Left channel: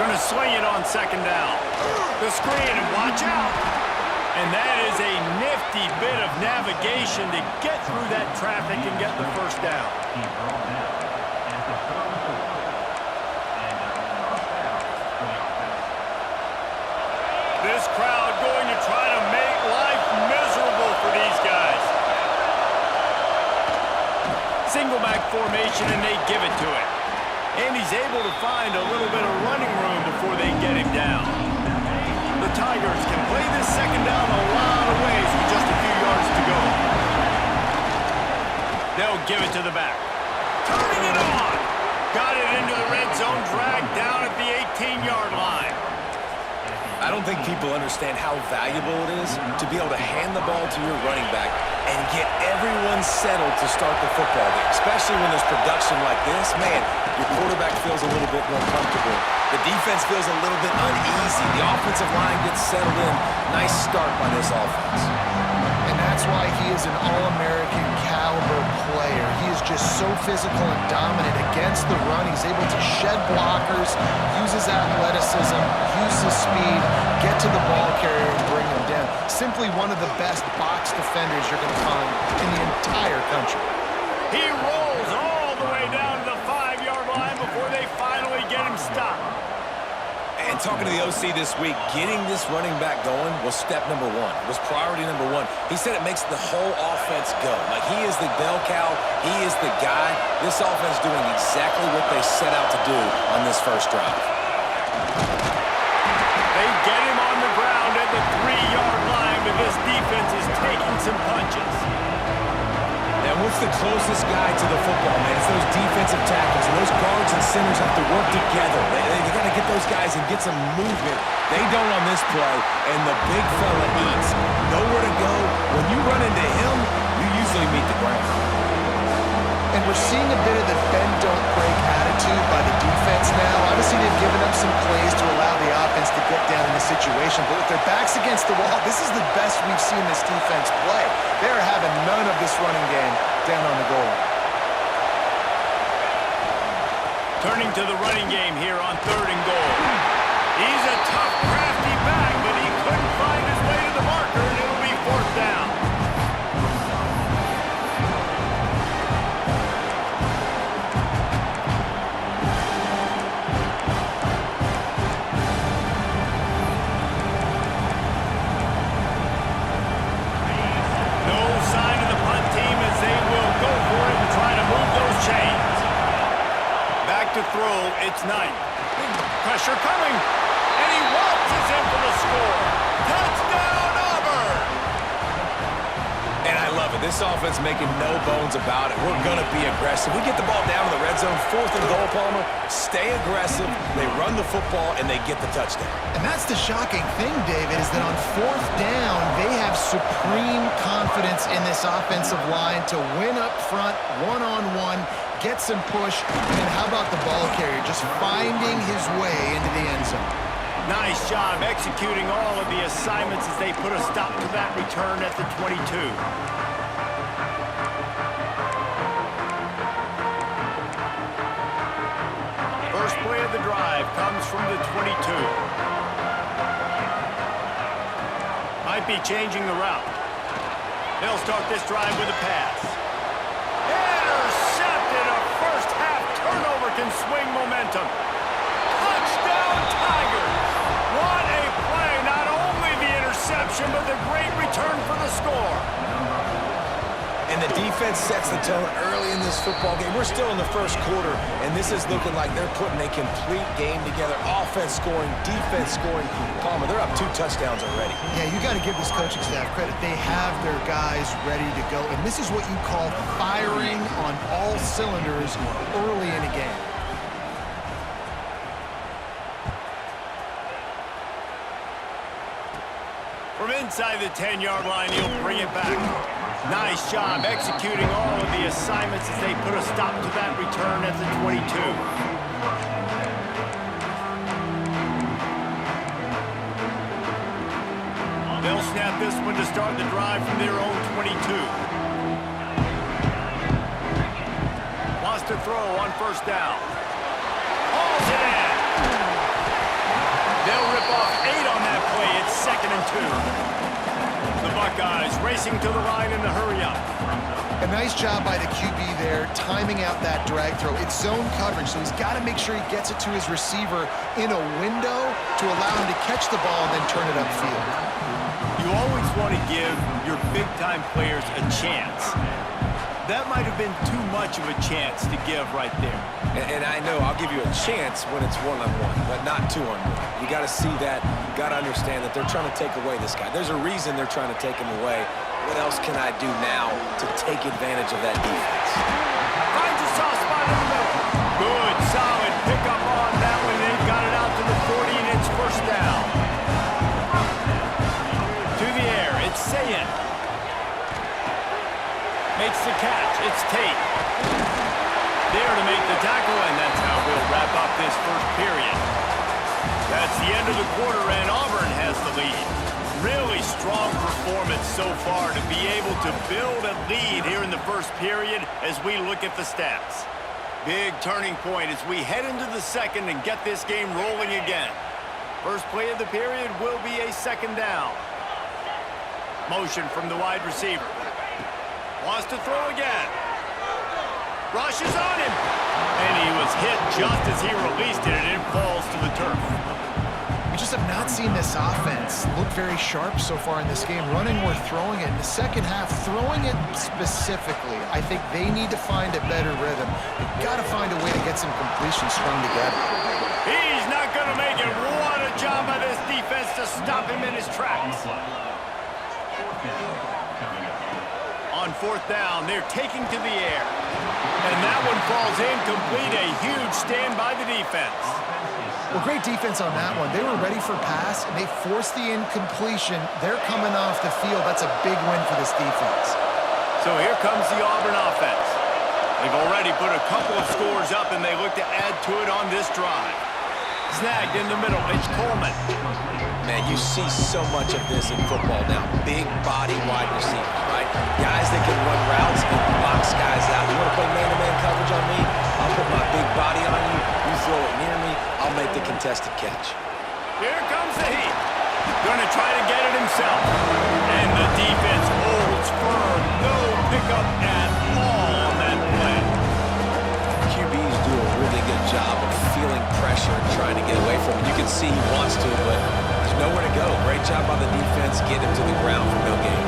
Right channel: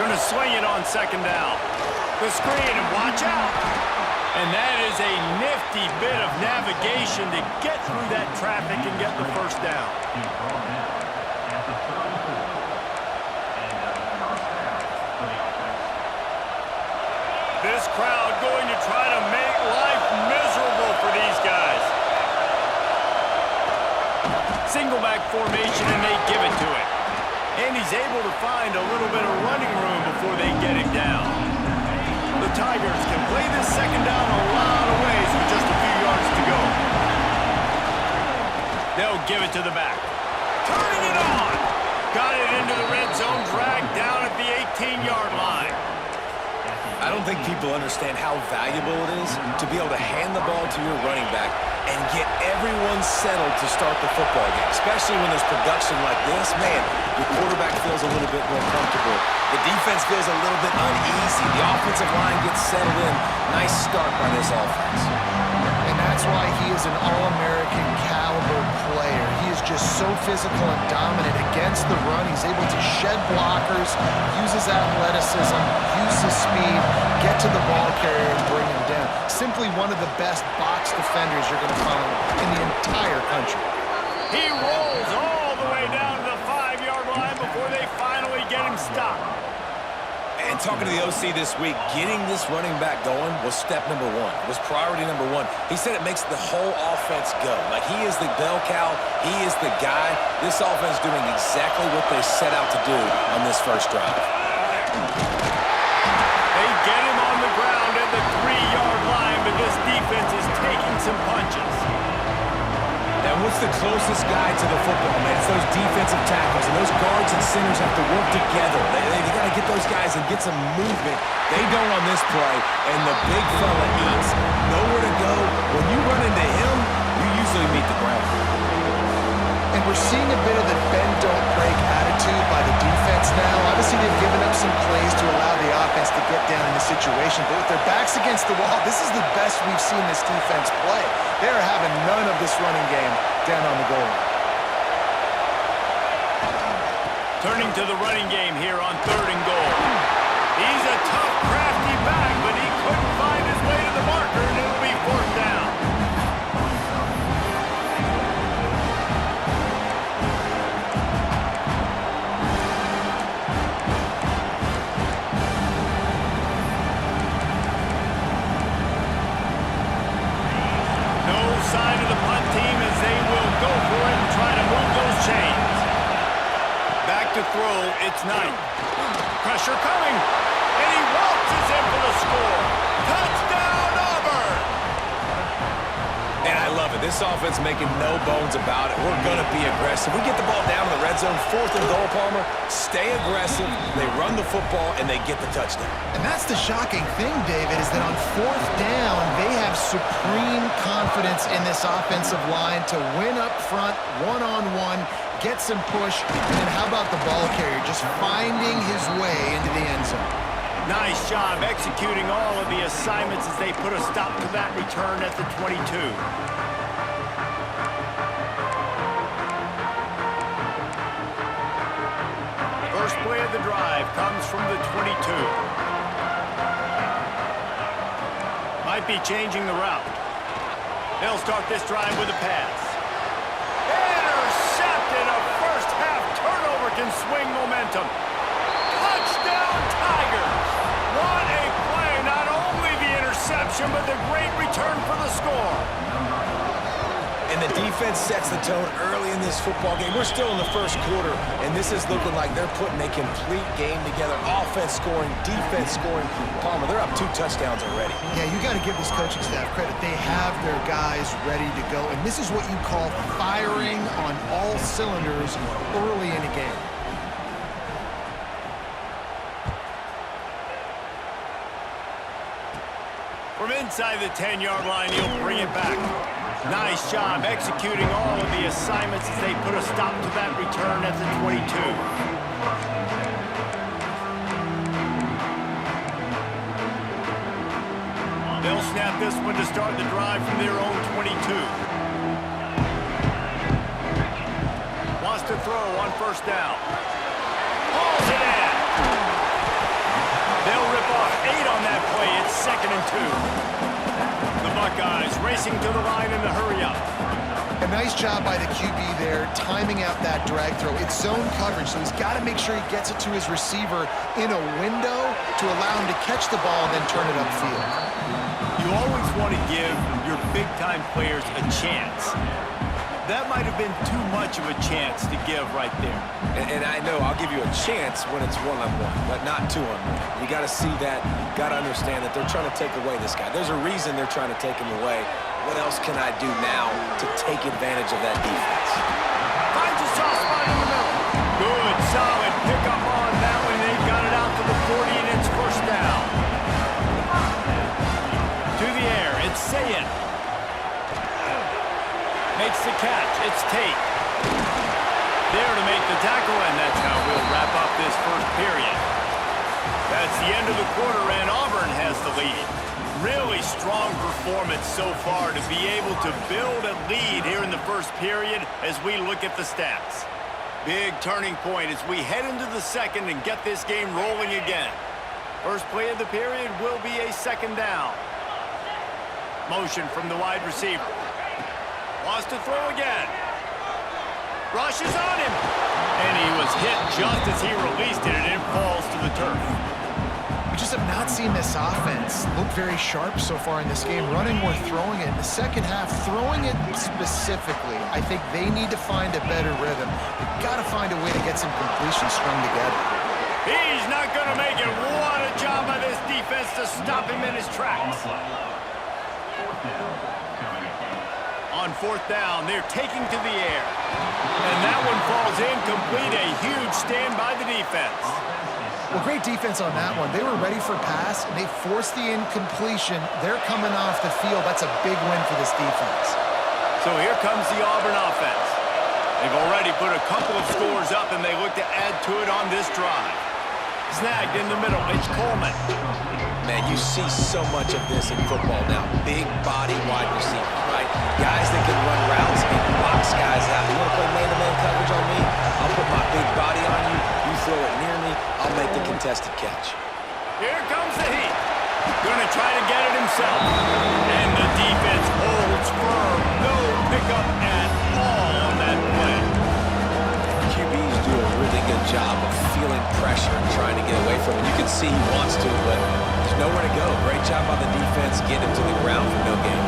Going to swing it on second down. The screen, and watch out. And that is a nifty bit of navigation to get through that traffic and get the first down. This crowd going to try to make life miserable for these guys. Single back formation, and they give it to it. And he's able to find a little bit of running room before they get him down. The Tigers can play this second down a lot of ways with just a few yards to go. They'll give it to the back. Turning it on. Got it into the red zone, dragged down at the 18-yard line. I don't think people understand how valuable it is to be able to hand the ball to your running back and get everyone settled to start the football game, especially when there's production like this. Man, your quarterback feels a little bit more comfortable. The defense feels a little bit uneasy. The offensive line gets settled in. Nice start by this offense. And that's why he is an All-American caliber player. He is just so physical and dominant against the run. He's able to shed blockers, use his athleticism, use his speed, get to the ball carrier and bring him down. Simply one of the best box defenders you're going to find in the entire country. He rolls all the way down to the 5-yard line before they finally get him stopped. And talking to the OC this week, getting this running back going was step number one. It was priority number one. He said it makes the whole offense go. Like, he is the bell cow. He is the guy. This offense doing exactly what they set out to do on this first drive. They get him on the ground at the 3-yard line, but this defense is taking some punches. And what's the closest guy to the football, man? It's those defensive tackles, and those guards and centers have to work together. They got to get those guys and get some movement. They don't on this play, and the big fella eats. Nowhere to go. When you run into him, you usually meet the ground. And we're seeing a bit of the bend-don't-break attitude by the defense now. Obviously, they've given up some plays to allow the offense to get down in this situation. But with their backs against the wall, this is the best we've seen this defense play. They're having none of this running game down on the goal line. Turning to the running game here on 3rd and goal. He's a tough, crafty back, but he couldn't find his way to the marker, and it'll be 4th down. Sign of the punt team as they will go for it and try to move those chains. Back to throw, it's Knight. Pressure coming, and he waltzes in for the score. Touchdown, Auburn! And I love it. This offense making no bones about it. We're going to be aggressive. We get the ball down in the red zone, 4th and goal, Palmer. Stay aggressive. They run the football, and they get the touchdown. And that's the shocking thing, David, is that on 4th down, they have supreme confidence in this offensive line to win up front, one-on-one, get some push, and how about the ball carrier just finding his way into the end zone? Nice job executing all of the assignments as they put a stop to that return at the 22. First play of the drive comes from the 22. Might be changing the route. They'll start this drive with a pass. Intercepted! A first-half turnover can swing momentum. Touchdown, Tigers! What a play! Not only the interception, but the great return for the score. And the defense sets the tone early in this football game. We're still in the first quarter, and this is looking like they're putting a complete game together. Offense scoring, defense scoring. Palmer, they're up 2 touchdowns already. Yeah, you got to give this coaching staff credit. They have their guys ready to go, and this is what you call firing on all cylinders early in a game. From inside the 10-yard line, he'll bring it back. Nice job executing all of the assignments as they put a stop to that return at the 22. They'll snap this one to start the drive from their own 22. Wants to throw on 1st down. Hauls it in. They'll rip off 8 on that play. It's 2nd and 2. The Buckeyes racing to the line in the hurry-up. A nice job by the QB there, timing out that drag throw. It's zone coverage, so he's got to make sure he gets it to his receiver in a window to allow him to catch the ball and then turn it upfield. You always want to give your big-time players a chance. That might have been too much of a chance to give right there. And I know I'll give you a chance when it's one-on-one, but not two-on-one. You got to see that, got to understand that they're trying to take away this guy. There's a reason they're trying to take him away. What else can I do now to take advantage of that defense? Finds a soft spot in the middle. Good, solid pickup on that one. They've got it out to the 40, and it's 1st down. To the air, it's Sayin. Makes the catch. It's Tate. There to make the tackle, and that's how we'll wrap up this 1st period. That's the end of the quarter, and Auburn has the lead. Really strong performance so far to be able to build a lead here in the 1st period as we look at the stats. Big turning point as we head into the 2nd and get this game rolling again. First play of the period will be a 2nd down. Motion from the wide receiver. Wants to throw again. Rushes on him. And he was hit just as he released it, and it falls to the turf. We just have not seen this offense look very sharp so far in this game, running or throwing it. In the 2nd half, throwing it specifically, I think they need to find a better rhythm. They've got to find a way to get some completions strung together. He's not going to make it. What a job by this defense to stop him in his tracks. On 4th down, they're taking to the air. And that one falls incomplete. A huge stand by the defense. Well, great defense on that one. They were ready for pass, and they forced the incompletion. They're coming off the field. That's a big win for this defense. So here comes the Auburn offense. They've already put a couple of scores up, and they look to add to it on this drive. Snagged in the middle. It's Coleman. Man, you see so much of this in football now. Big body wide receivers, right? Guys that can run routes and box guys out. You want to play man-to-man coverage on me? I'll put my big body on you. You throw it near me, I'll make the contested catch. Here comes the heat. Gonna try to get it himself. And the defense holds firm. No pickup at all on that play. QBs do a really good job of feeling pressure and trying to get away from it. You can see he wants to, but there's nowhere to go. Great job by the defense, getting him to the ground for no gain.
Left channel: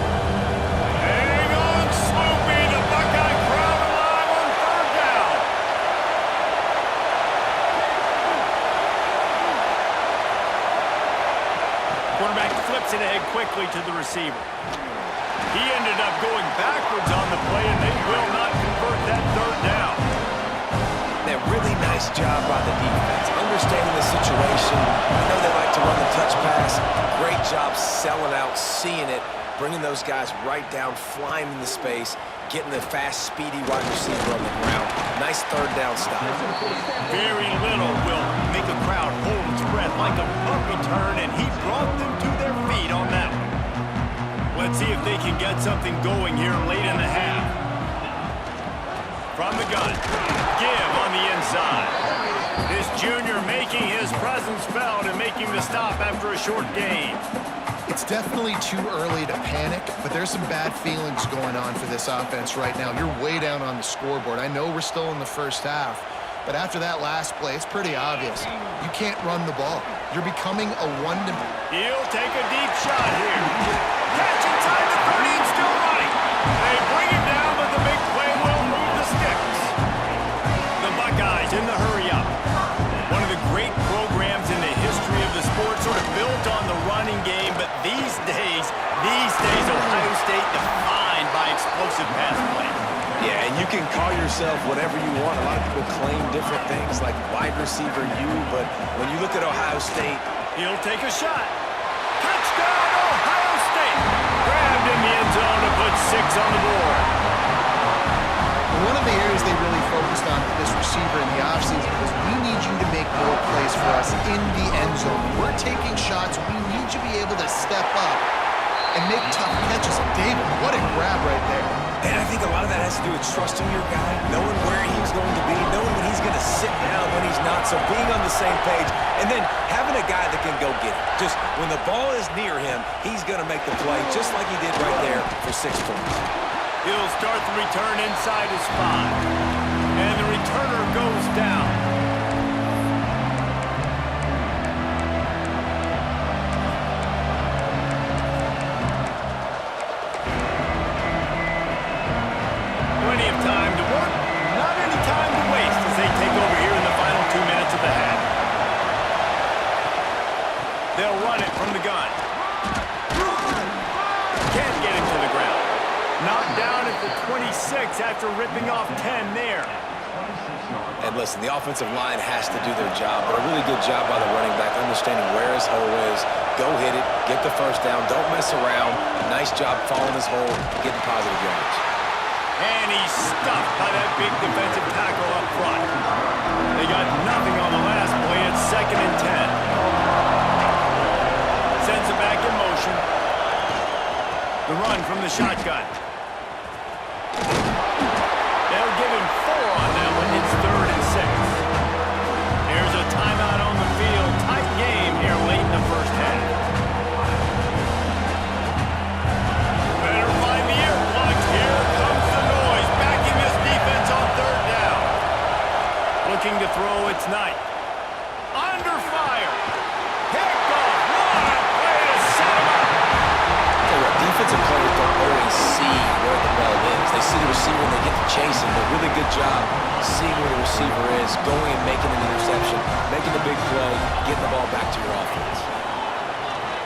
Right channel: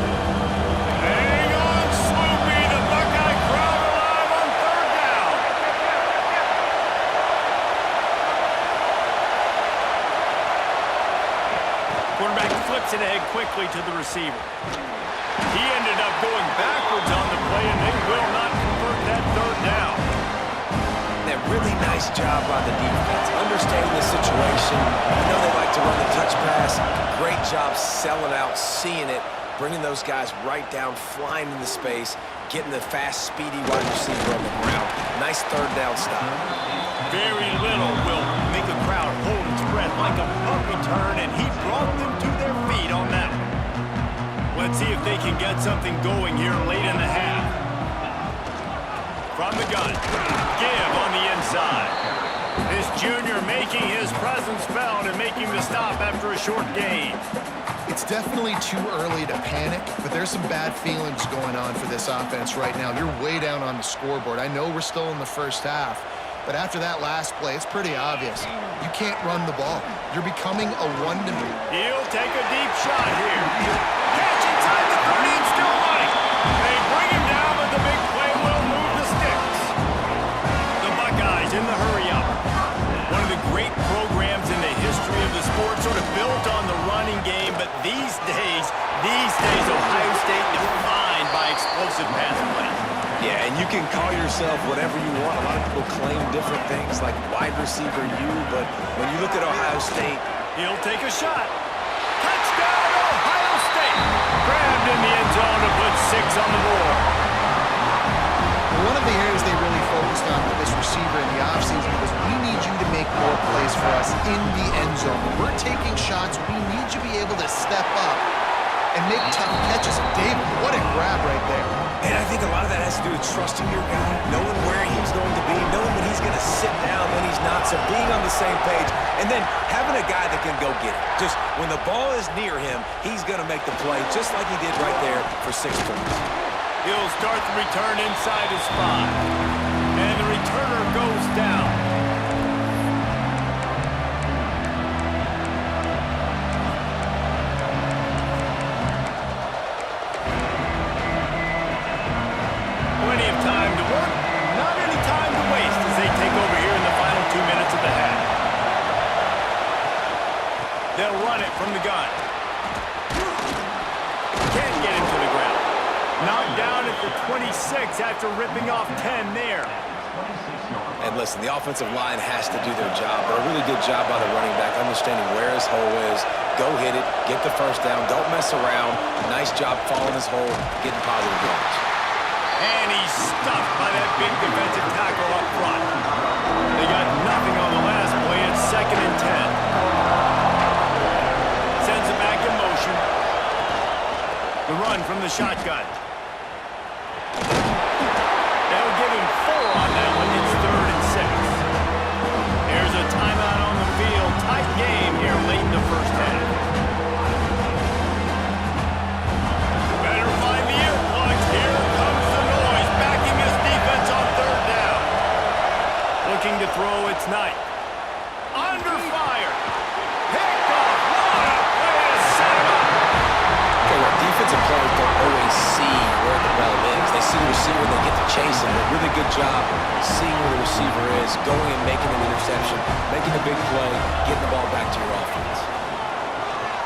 Hang on, Sloopy. The Buckeye crowd alive on 3rd down. Quarterback flips it ahead quickly to the receiver. He ended up going backwards on the play, and they will not convert that 3rd down. That really nice job by the defense, understanding the situation. You know they like to run the touch pass. Great job selling out, seeing it, bringing those guys right down, flying into space, getting the fast, speedy wide receiver on the ground. Nice 3rd down stop. Very little will make a crowd hold its breath like a punt return, and he brought them to their feet on that one. Let's see if they can get something going here late in the half. From the gun, give on the inside. This junior making his presence felt and making the stop after a short gain. It's definitely too early to panic, but there's some bad feelings going on for this offense right now. You're way down on the scoreboard. I know we're still in the 1st half, but after that last play, it's pretty obvious. You can't run the ball. You're becoming a one-to-one. He'll take a deep shot here. Catch inside the 30 and still running. They bring him down, but the big play will move the sticks. The Buckeyes in the hurry-up. One of the great programs in the history of the sport, sort of built on the running game, but these days, Ohio State defined by explosive pass plays. Yeah, and you can call yourself whatever you want. A lot of people claim different things like wide receiver U, but when you look at Ohio State, he'll take a shot. Touchdown, Ohio State! Grabbed in the end zone to put 6 on the board. One of the areas they really focused on with this receiver in the offseason was we need you to make more plays for us in the end zone. When we're taking shots, we need you to be able to step up and make tough catches. David, what a grab right there. and I think a lot of that has to do with trusting your guy, knowing where he's going to be, knowing when he's going to sit down, when he's not. want. So being on the same page and then having a guy that can go get it. Just when the ball is near him, he's going to make the play just like he did right there for 6 points. He'll start the return inside his 5. And the returner goes down. Plenty of time to work, not any time to waste as they take over here in the final 2 minutes of the half. They'll run it from the gun. Can't get him to the ground. Knocked down at the 26 after ripping off 10 there. And listen, the offensive line has to do their job, but a really good job by the running back, understanding where his hole is. Go hit it, get the first down, don't mess around. Nice job following his hole, getting positive yards. And he's stuffed by that big defensive tackle up front. They got nothing on the last play. It's 2nd and 10. Sends it back in motion. The run from the shotgun. They'll give him 4 on that one. It's 3rd and 6. There's a timeout on the field. Tight game here late in the first half. Better find the earplugs. Here comes the noise. Backing this defense on 3rd down. Looking to throw, it's Knight. Under fire. Picked off. What a play to set him up. Okay, well, defensive players don't always see where the ball is. They see the receiver and they get to chase him. But really good job seeing where the receiver is, going and making an interception, making a big play, getting the ball back to your offense.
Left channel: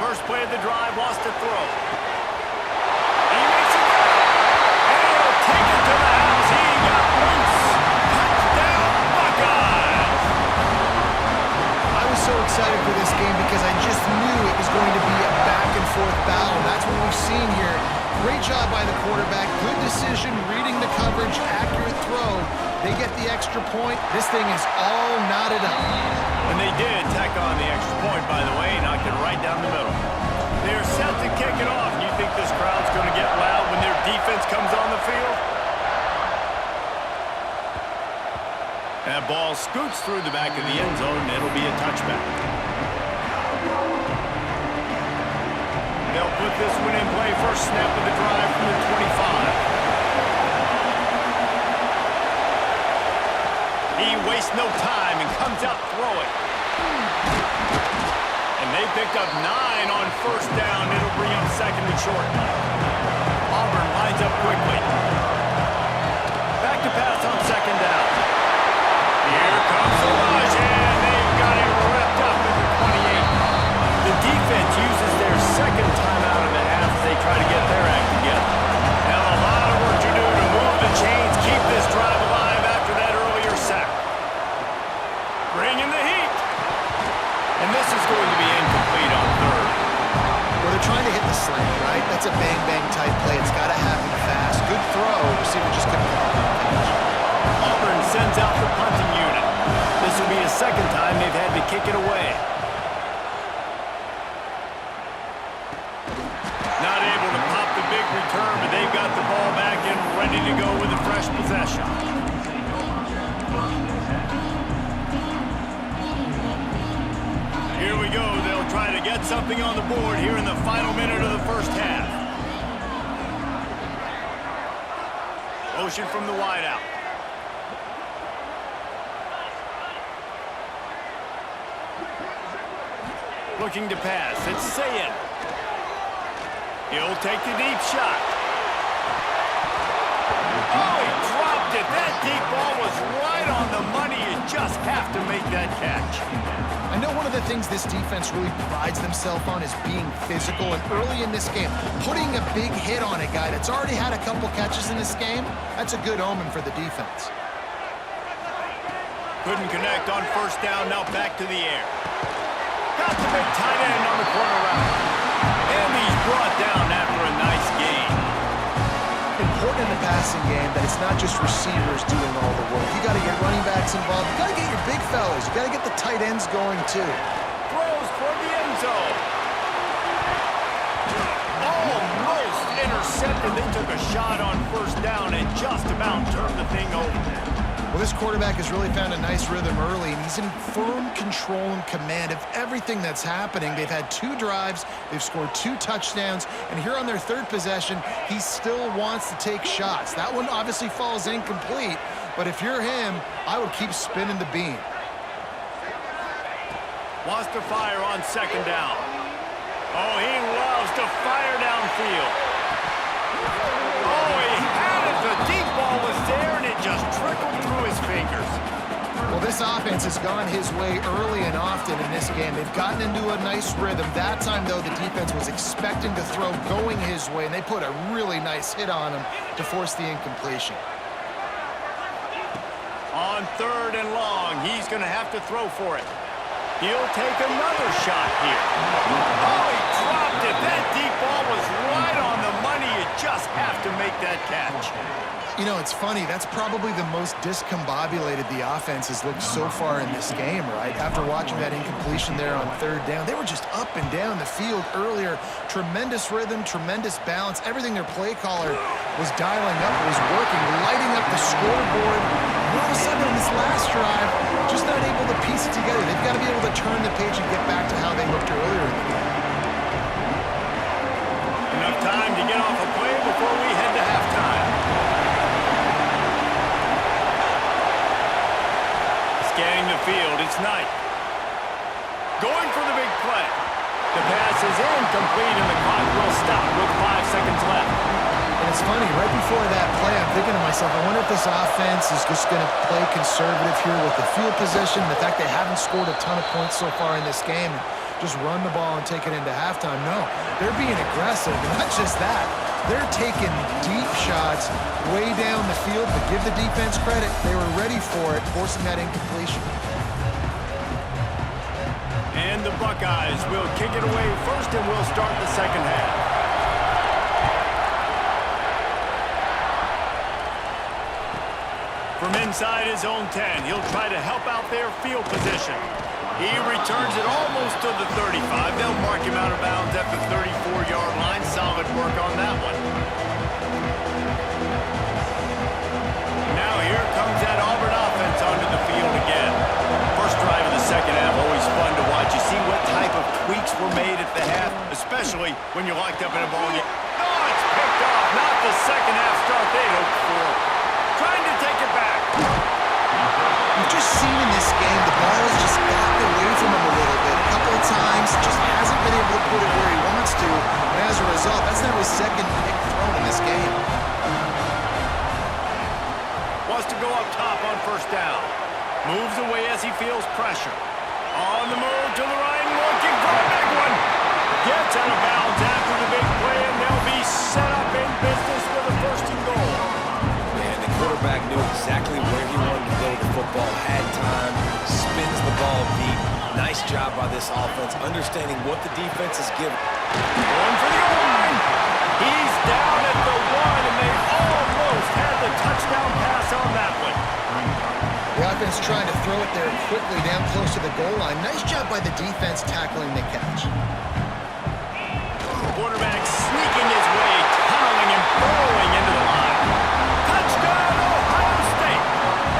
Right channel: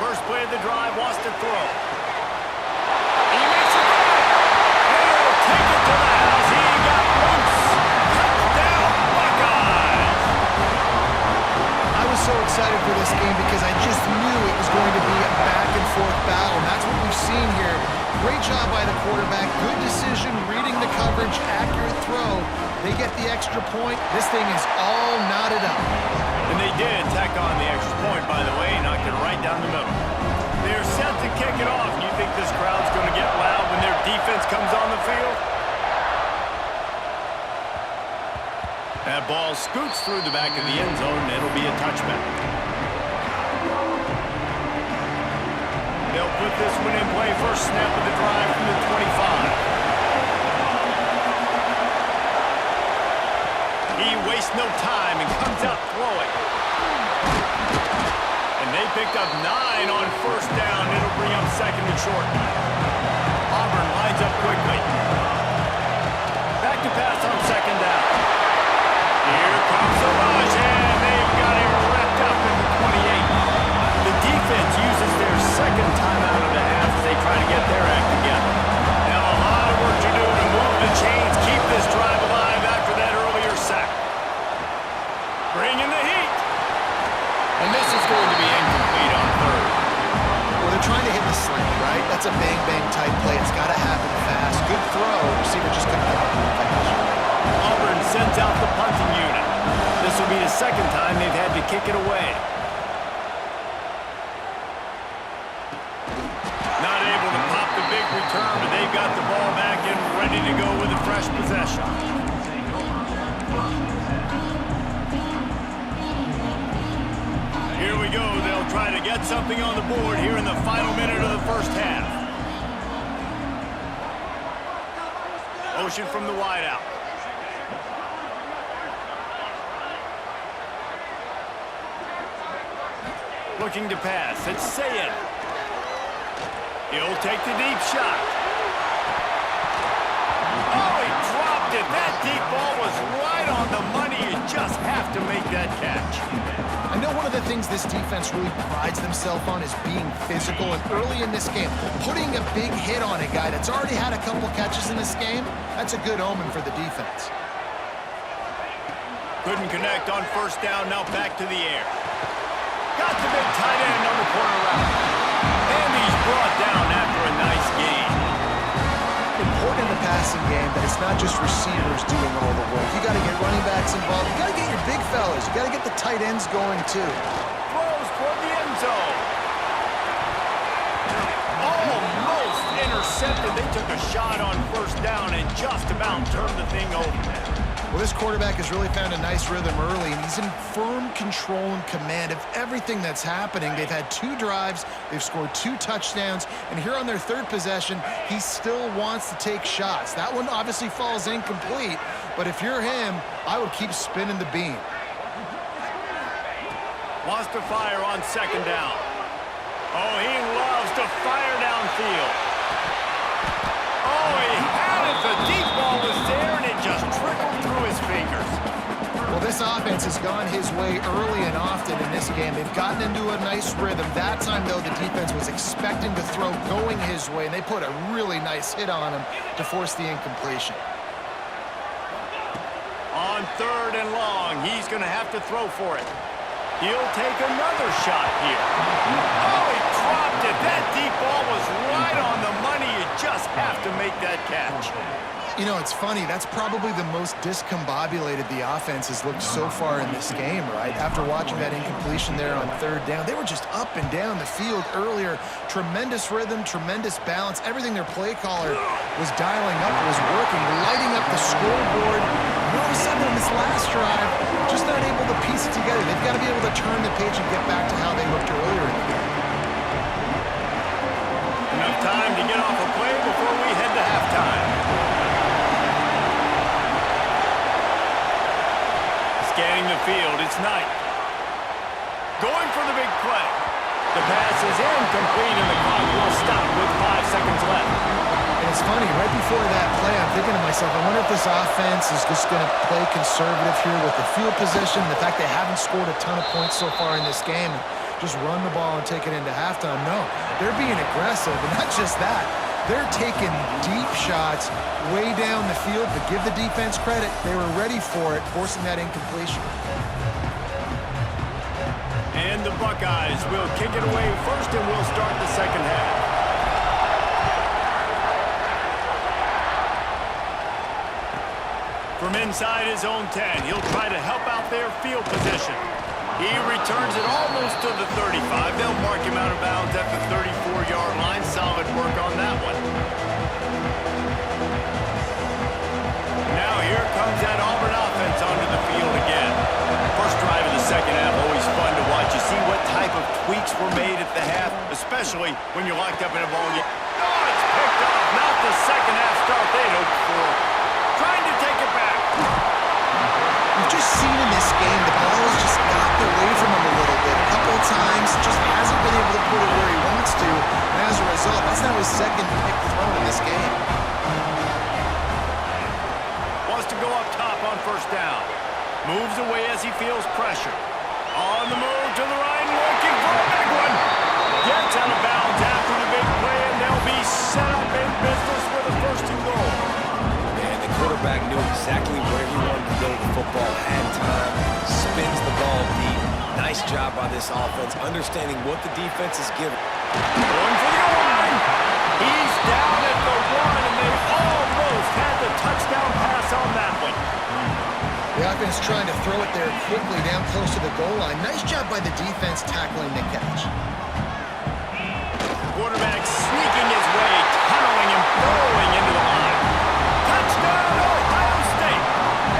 First play of the drive, wants to throw. He makes a throw. And he'll take it to the house. He got loose. Touchdown, Buckeyes. I was so excited for this game because I just knew it was going to be a back-and-forth battle. And that's what we've seen here. Great job by the quarterback. Good decision, reading the coverage, accurate throw. They get the extra point. This thing is all knotted up. And they did tack on the extra point, by the way, knocked it right down the middle. They're set to kick it off. You think this crowd's going to get loud when their defense comes on the field? That ball scoots through the back of the end zone, and it'll be a touchback. They'll put this one in play. First snap of the drive from the 25. He wastes no time and comes out throwing. And they picked up 9 on first down. It'll bring up 2nd and short. Auburn lines up quickly. Back to pass on 2nd down. Here comes the rush, and they've got him wrapped up at the 28. The defense uses their 2nd timeout of the half as they try to get their act together. Now a lot of work to do to move the chains, keep this drive alive after that earlier sack. Bringing the heat. And this is going to be incomplete on 3rd. Well, they're trying to hit the slant, right? That's a bang-bang type play. It's got to happen fast. Good throw. Receiver just couldn't come up with the catch. Auburn sends out the punting unit. This will be the 2nd time they've had to kick it away. Not able to pop the big return, but they've got the ball back and ready to go with a fresh possession. Here we go. They'll try to get something on the board here in the final minute of the first half. Motion from the wideout. Looking to pass. It's Sayin. He'll take the deep shot. Oh, he dropped it. That deep ball was right on the money. You just have to make that catch. I know one of the things this defense really prides themselves on is being physical, and early in this game, putting a big hit on a guy that's already had a couple catches in this game, that's a good omen for the defense. Couldn't connect on first down, now back to the air. Got the big tight end on the corner route. And he's brought down after a nice gain. Important in the passing game that it's not just receivers doing all the work. You got to get running backs involved. You got to get your big fellas. You got to get the tight ends going too. Throws toward the end zone. Almost intercepted. They took a shot on first down and just about turned the thing over. Well, this quarterback has really found a nice rhythm early, and he's in firm control and command of everything that's happening. They've had 2 drives, they've scored 2 touchdowns, and here on their 3rd possession, he still wants to take shots. That one obviously falls incomplete, but if you're him, I would keep spinning the beam. Wants to fire on 2nd down. Oh, he loves to fire downfield. Oh, he had it. The deep ball was there, and it just trickled through his fingers. Well, this offense has gone his way early and often in this game. They've gotten into a nice rhythm. That time, though, the defense was expecting to throw going his way, and they put a really nice hit on him to force the incompletion. On 3rd and long, he's going to have to throw for it. He'll take another shot here. Oh, he dropped it. That deep ball was right on the money. You just have to make that catch. You know, it's funny. That's probably the most discombobulated the offense has looked so far in this game, right? After watching that incompletion there on 3rd down, they were just up and down the field earlier. Tremendous rhythm, tremendous balance. Everything their play caller was dialing up was working, lighting up the scoreboard. And all of a sudden on this last drive, just not able to piece it together. They've got to be able to turn the page and get back to how they looked earlier in the game. Enough time to get off a play before we head to halftime. Scanning the field, it's Knight. Going for the big play. The pass is incomplete, and the clock will stop with 5 seconds left. And it's funny, right before that play, I'm thinking to myself, I wonder if this offense is just going to play conservative here with the field position, the fact they haven't scored a ton of points so far in this game, and just run the ball and take it into halftime. No, they're being aggressive, and not just that. They're taking deep shots way down the field, but give the defense credit. They were ready for it, forcing that incompletion. And the Buckeyes will kick it away first, and we'll start the 2nd half. From inside his own 10, he'll try to help out their field position. He returns it almost to the 35. They'll mark him out of bounds at the 34-yard line. Solid work on that one. Now here comes that Auburn offense onto the field again. First drive of the 2nd half, always fun to watch. You see what type of tweaks were made at the half, especially when you're locked up in a ball game. Oh, it's picked off. Not the 2nd half start they'd hoped for. Trying to take it back. We've just seen in this game the ball has just gotten away from him a little bit. A couple of times, just hasn't been able to put it where he wants to. And as a result, that's now his 2nd pick thrown in this game. Wants to go up top on 1st down. Moves away as he feels pressure. On the move to the right, looking for a big one. Gets out of bounds after the big play, and they'll be set up in business with a 1st and goal. The quarterback knew exactly where he wanted to go with the football, had time, spins the ball deep. Nice job by this offense, understanding what the defense is giving. Going for the goal line. He's down at the 1, and they almost had the touchdown pass on that one. The offense trying to throw it there quickly down close to the goal line. Nice job by the defense tackling the catch. Quarterback sneaking his way, tunneling and burrowing into the line. Touchdown, Ohio State!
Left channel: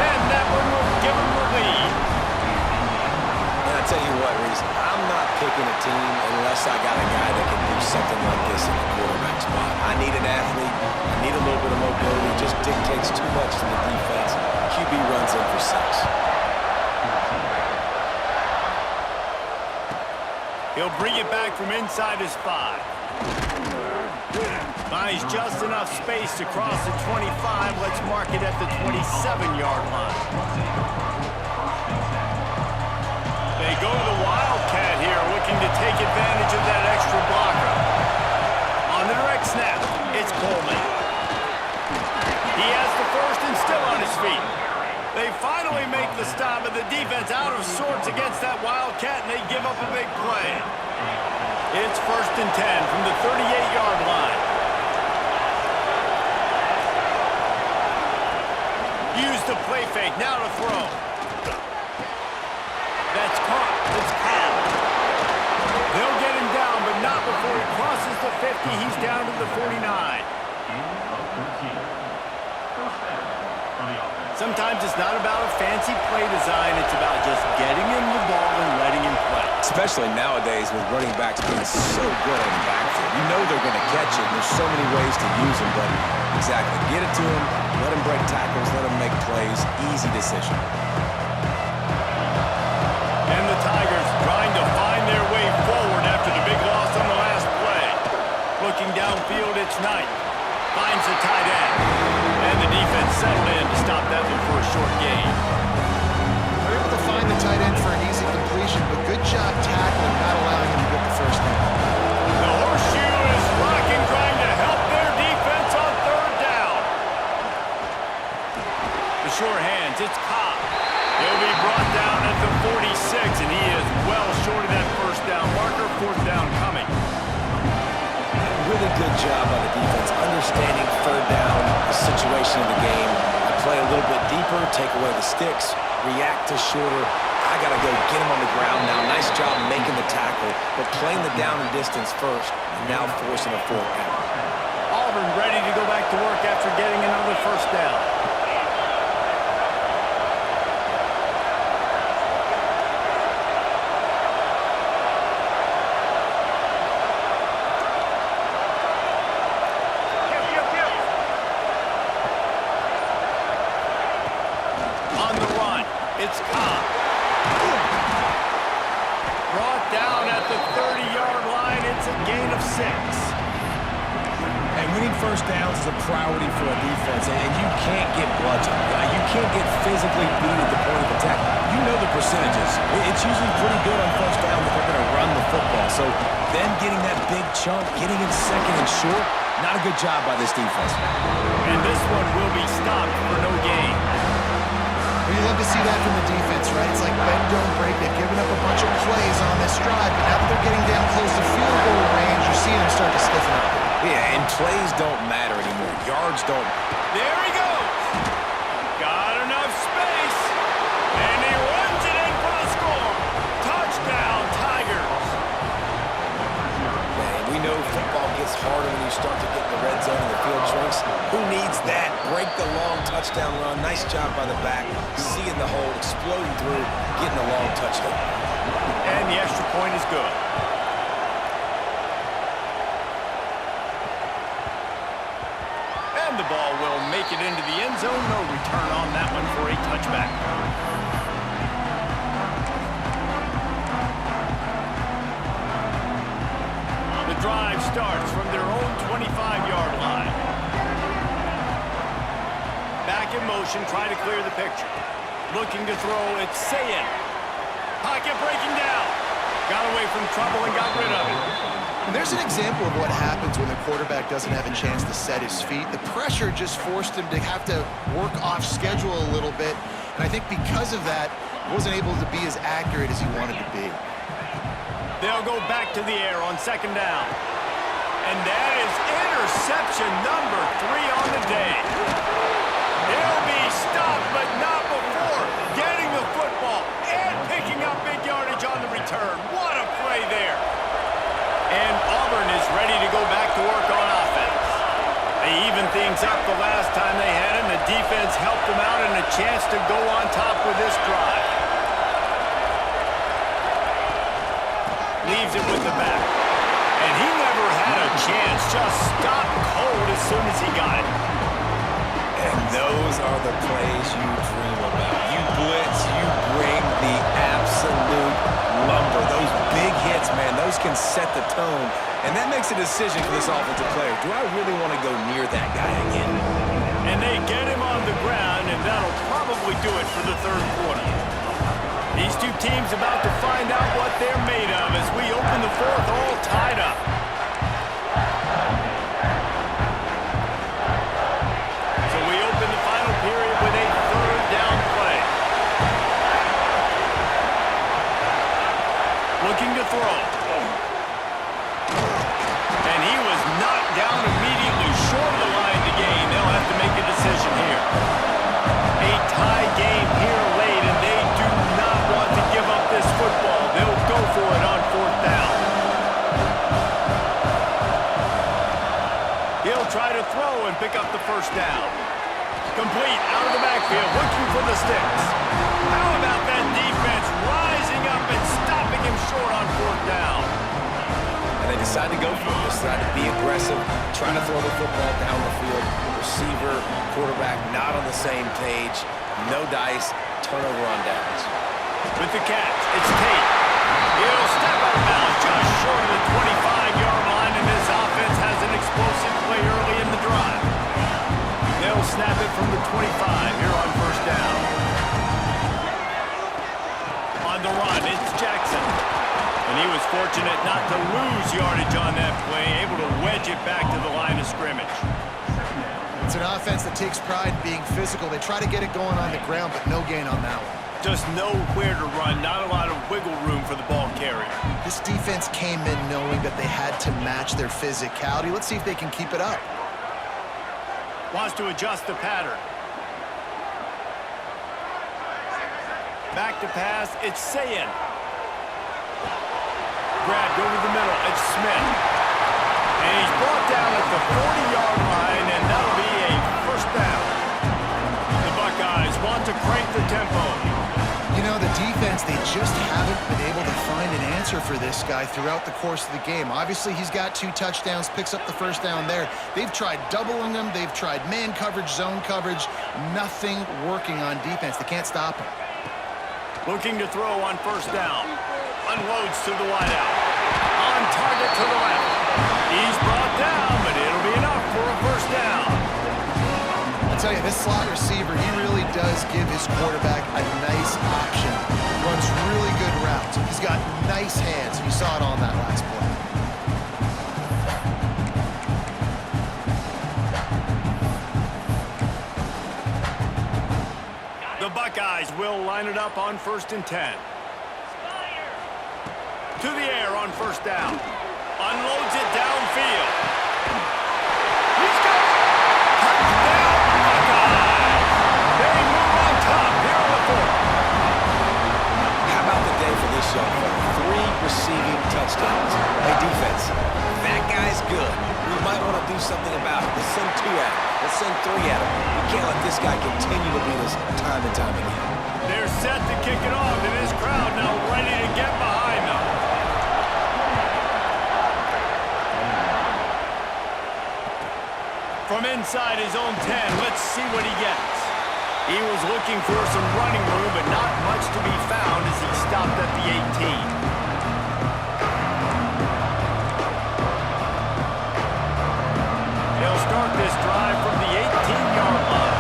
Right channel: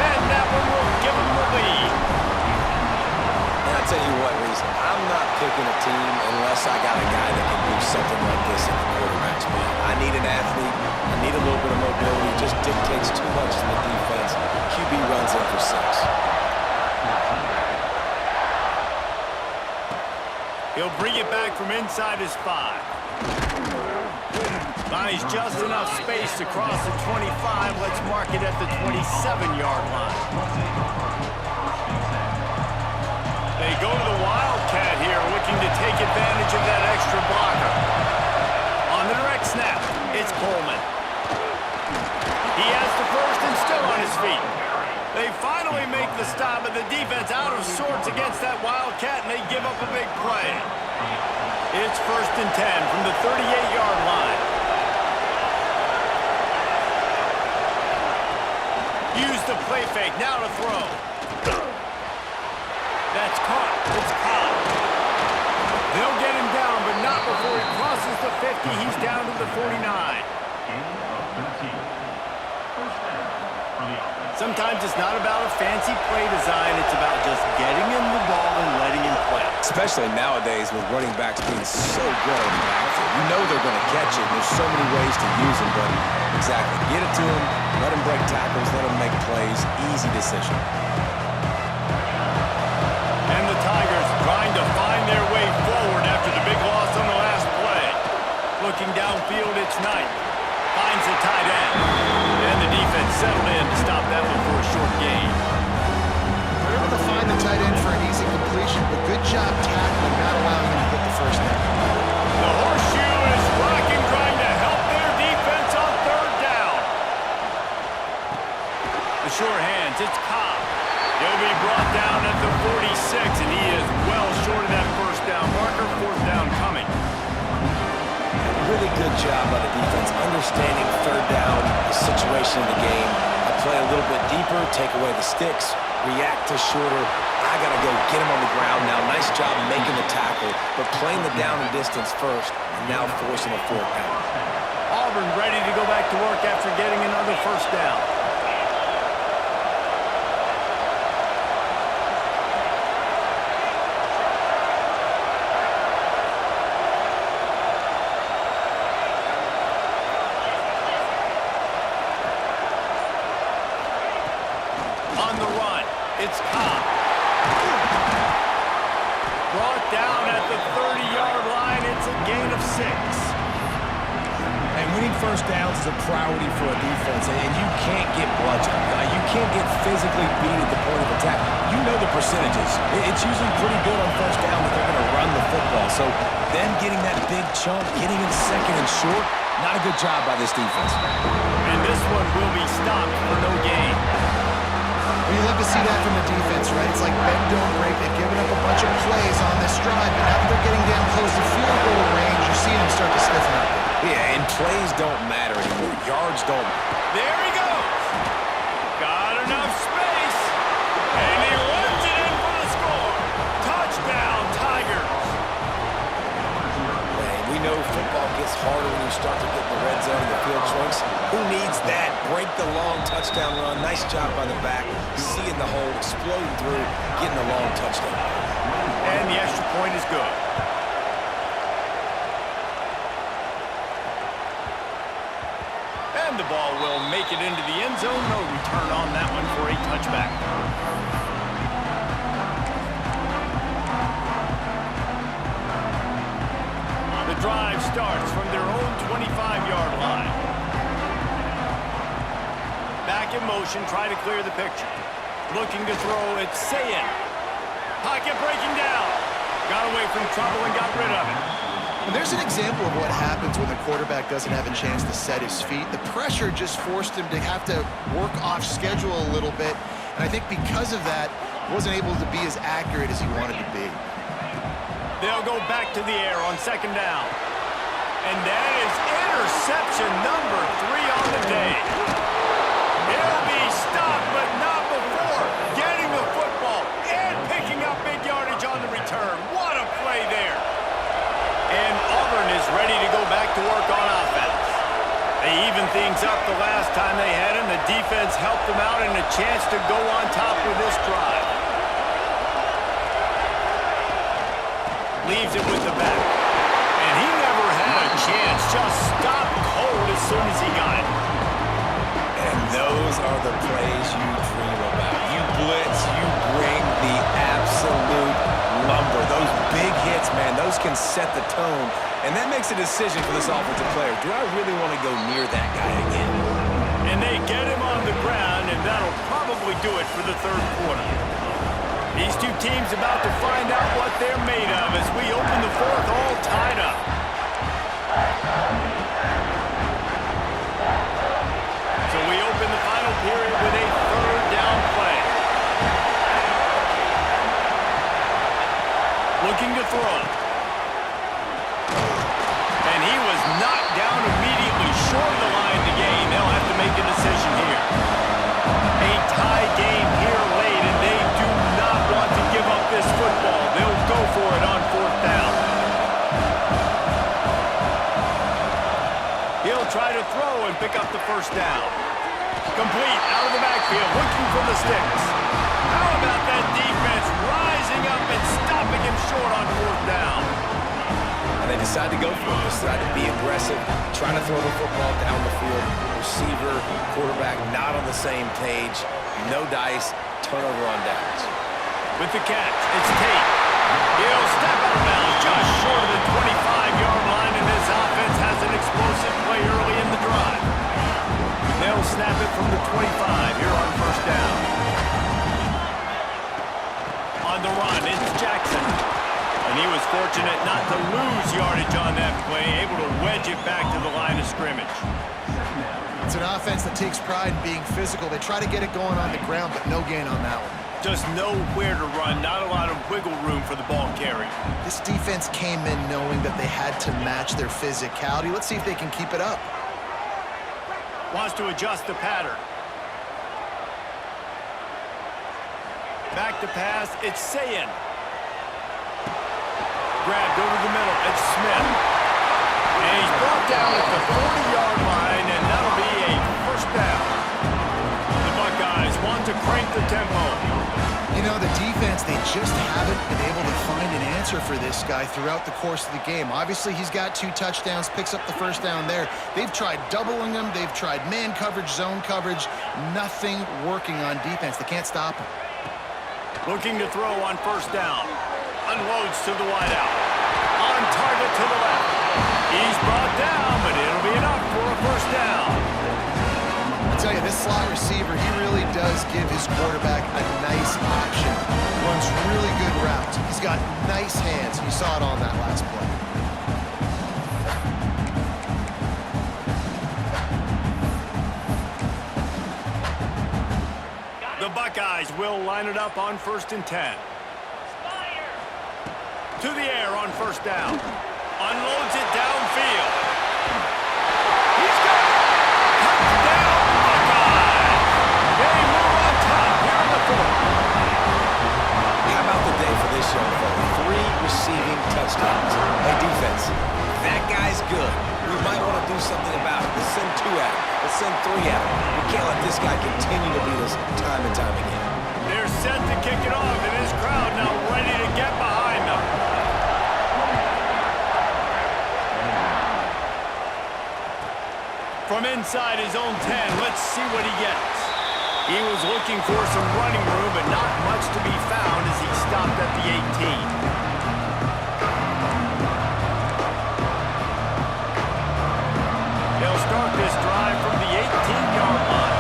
And that one will give them the lead. And I tell you what, Reese, I'm not picking a team unless I got a guy that can do something like this in the quarterback spot. I need an athlete. I need a little bit of mobility. It just dictates too much to the defense. QB runs in for 6. He'll bring it back from inside his 5. Finds just enough space to cross the 25. Let's mark it at the 27-yard line. They go to the Wildcat here, looking to take advantage of that extra blocker. On the direct snap, it's Coleman. He has the 1st and still on his feet. They finally make the stop, but the defense out of sorts against that Wildcat, and they give up a big play. It's 1st and 10 from the 38-yard line. Use the play fake, now to throw. That's caught. It's caught. They'll get him down, but not before he crosses the 50. He's down to the 49. Sometimes it's not about a fancy play design. It's about just getting him the ball and letting him play. Especially nowadays with running backs being so good on the backfield. You know they're going to catch it. There's so many ways to use them, but exactly. Get it to him, let him break tackles, let him make plays. Easy decision. And the Tigers trying to find their way forward after the big loss on the last play. Looking downfield, it's Knight. Finds the tight end. And the defense settled in to stop that one for a short gain. They're able to find the tight end for an easy completion, but good job tackling, not allowing him to get the first down. The horseshoe is rocking, trying to help their defense on third down. The sure hands, it's Cobb. He'll be brought down at the 46, and he is well short of that first down marker. Fourth down coming. Really good job by the defense, understanding third down, the situation of the game. I play a little bit deeper, take away the sticks, react to shorter. I got to go get him on the ground now. Nice job making the tackle, but playing the down and distance first, and now forcing a fourth down. Auburn ready to go back to work after getting another first down. It's Cobb. Brought down at the 30-yard line. It's a gain of 6. And winning first downs is a priority for a defense, and you can't get bludgeoned. You can't get physically beat at the point of attack. You know the percentages. It's usually pretty good on first down that they're going to run the football. So them getting that big chunk, getting in second and short, not a good job by this defense. And this one will be stopped for no gain. Well, you love to see that from the defense, right? It's like bend, don't break. They've given up a bunch of plays on this drive, but now that they're getting down close to field goal range, you're seeing them start to stiffen up. Yeah, and plays don't matter anymore. Yards don't. There he goes. Got enough space, and he runs it in for the score. Touchdown, Tigers. Man, we know football gets harder when you start to get in the red zone and the field shrinks. Who needs that? Break the long touchdown run. Nice job by the back. Seeing the hole, exploding through, getting the long touchdown. And the extra point is good. And the ball will make it into the end zone. No return on that one for a touchback. The drive starts from their own 25-yard line. Back in motion, try to clear the picture. Looking to throw, it's Sayin. Pocket breaking down. Got away from trouble and got rid of it. And there's an example of what happens when the quarterback doesn't have a chance to set his feet. The pressure just forced him to have to work off schedule a little bit. And I think because of that, wasn't able to be as accurate as he wanted to be. They'll go back to the air on second down. And that is interception number 3 on the day. He'll be stopped, but not before getting the football and picking up big yardage on the return. What a play there. And Auburn is ready to go back to work on offense. They evened things up the last time they had him. The defense helped them out and a chance to go on top with this drive. Leaves it with the back. And he never had a chance. Just stopped cold as soon as he got it. And those are the plays you dream about. You blitz, you bring the absolute lumber. Those big hits, man, those can set the tone. And that makes a decision for this offensive player. Do I really want to go near that guy again? And they get him on the ground, and that'll probably do it for the third quarter. These two teams about to find out what they're made of as we open the fourth all tied up. So we open the final period with a third down play. Looking to throw. And he was knocked down immediately short of the line to gain. They'll have to make a decision here. A tie game here late, and they do not want to give up this football. They'll go for it on fourth down. He'll try to throw and pick up the first down. Complete out of the backfield, looking for the sticks. How about that defense rising up and stopping him short on 4th down? And they decide to go for it. They decide to be aggressive, trying to throw the football down the field. Receiver, quarterback not on the same page. No dice, turnover on downs. With the catch, it's Tate. He'll step out of bounds just short of the 25-yard line, and this offense has an explosive play early in the drive. They'll snap it from the 25 here on 1st down. On the run, it's Jackson. And he was fortunate not to lose yardage on that play, able to wedge it back to the line of scrimmage. It's an offense that takes pride in being physical. They try to get it going on the ground, but no gain on that one. Just nowhere to run, not a lot of wiggle room for the ball carrier. This defense came in knowing that they had to match their physicality. Let's see if they can keep it up. Wants to adjust the pattern. Back to pass, it's Sayin. Grabbed over the middle, it's Smith. And he's brought down at the 40-yard line, and that'll be a 1st down. The Buckeyes want to crank the tempo. You know, the defense, they just haven't been able to find an answer for this guy throughout the course of the game. Obviously, he's got 2 touchdowns, picks up the 1st down there. They've tried doubling him. They've tried man coverage, zone coverage. Nothing working on defense. They can't stop him. Looking to throw on 1st down. Unloads to the wideout. On target to the left. He's brought down, but it'll be enough for a 1st down. I tell you, this slot receiver, he really does give his quarterback a nice option. Runs really good routes. He's got nice hands. You saw it on that last play. The Buckeyes will line it up on 1st and 10. To the air on 1st down. Unloads it downfield. He's got it. Touchdown, Buckeyes. They move on top here in the 4th. How about the day for this young fella? 3 receiving touchdowns. Hey, defense, that guy's good. We might want to do something about it. Let's send 2 at him. Let's send 3 at him. We can't let this guy continue to beat us time and time again. They're set to kick it off, and this crowd now ready to get behind them. From inside his own 10, let's see what he gets. He was looking for some running room, but not much to be found as he stopped at the 18. They'll start this drive from the 18-yard line.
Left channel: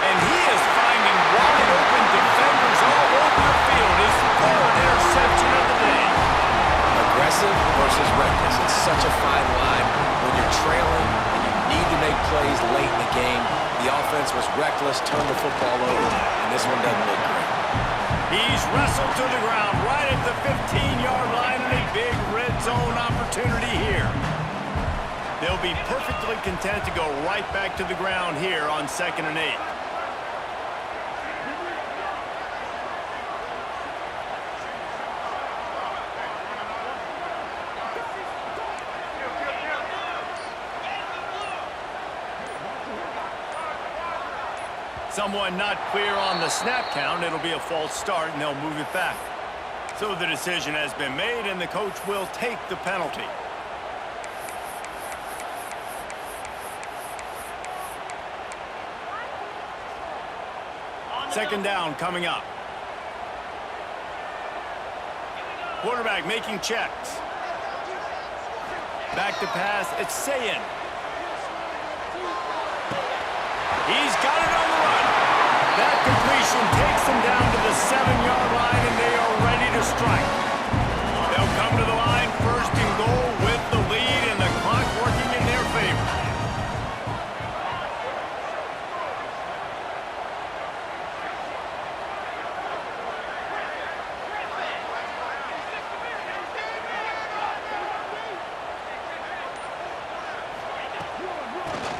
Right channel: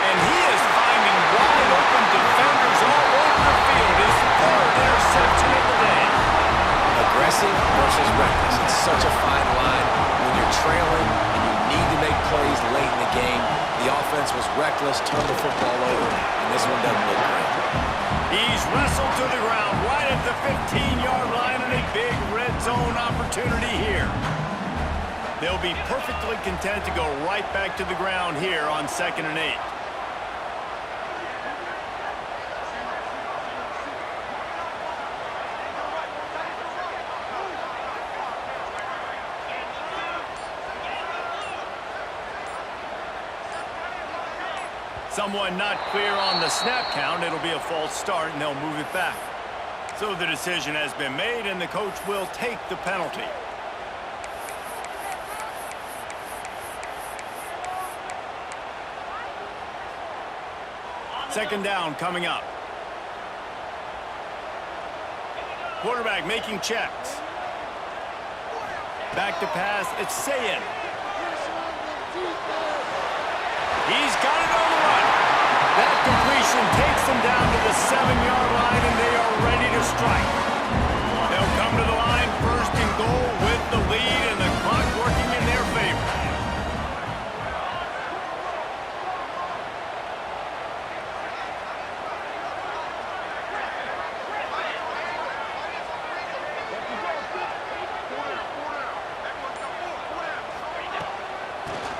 And he is finding wide open defenders all over the field. His 3rd interception of the day. Aggressive versus reckless. It's such a fine line when you're trailing and you need to make plays late in the game. The offense was reckless, turned the football over, and this one doesn't look great. He's wrestled to the ground right at the 15-yard line, and a big red zone opportunity here. They'll be perfectly content to go right back to the ground here on 2nd and 8. Someone not clear on the snap count. It'll be a false start, and they'll move it back. So the decision has been made, and the coach will take the penalty. Second down coming up. Quarterback making checks. Back to pass, it's Sayin. He's got it on the run. That completion takes them down to the 7-yard line, and they are ready to strike. They'll come to the line 1st and goal with the lead and the clock working in their favor.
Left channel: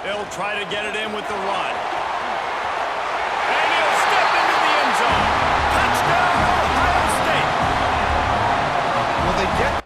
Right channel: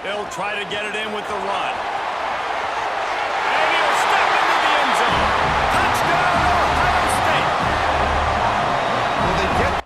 They'll try to get it in with the run. And he'll step into the end zone. Touchdown, Ohio State. Will they get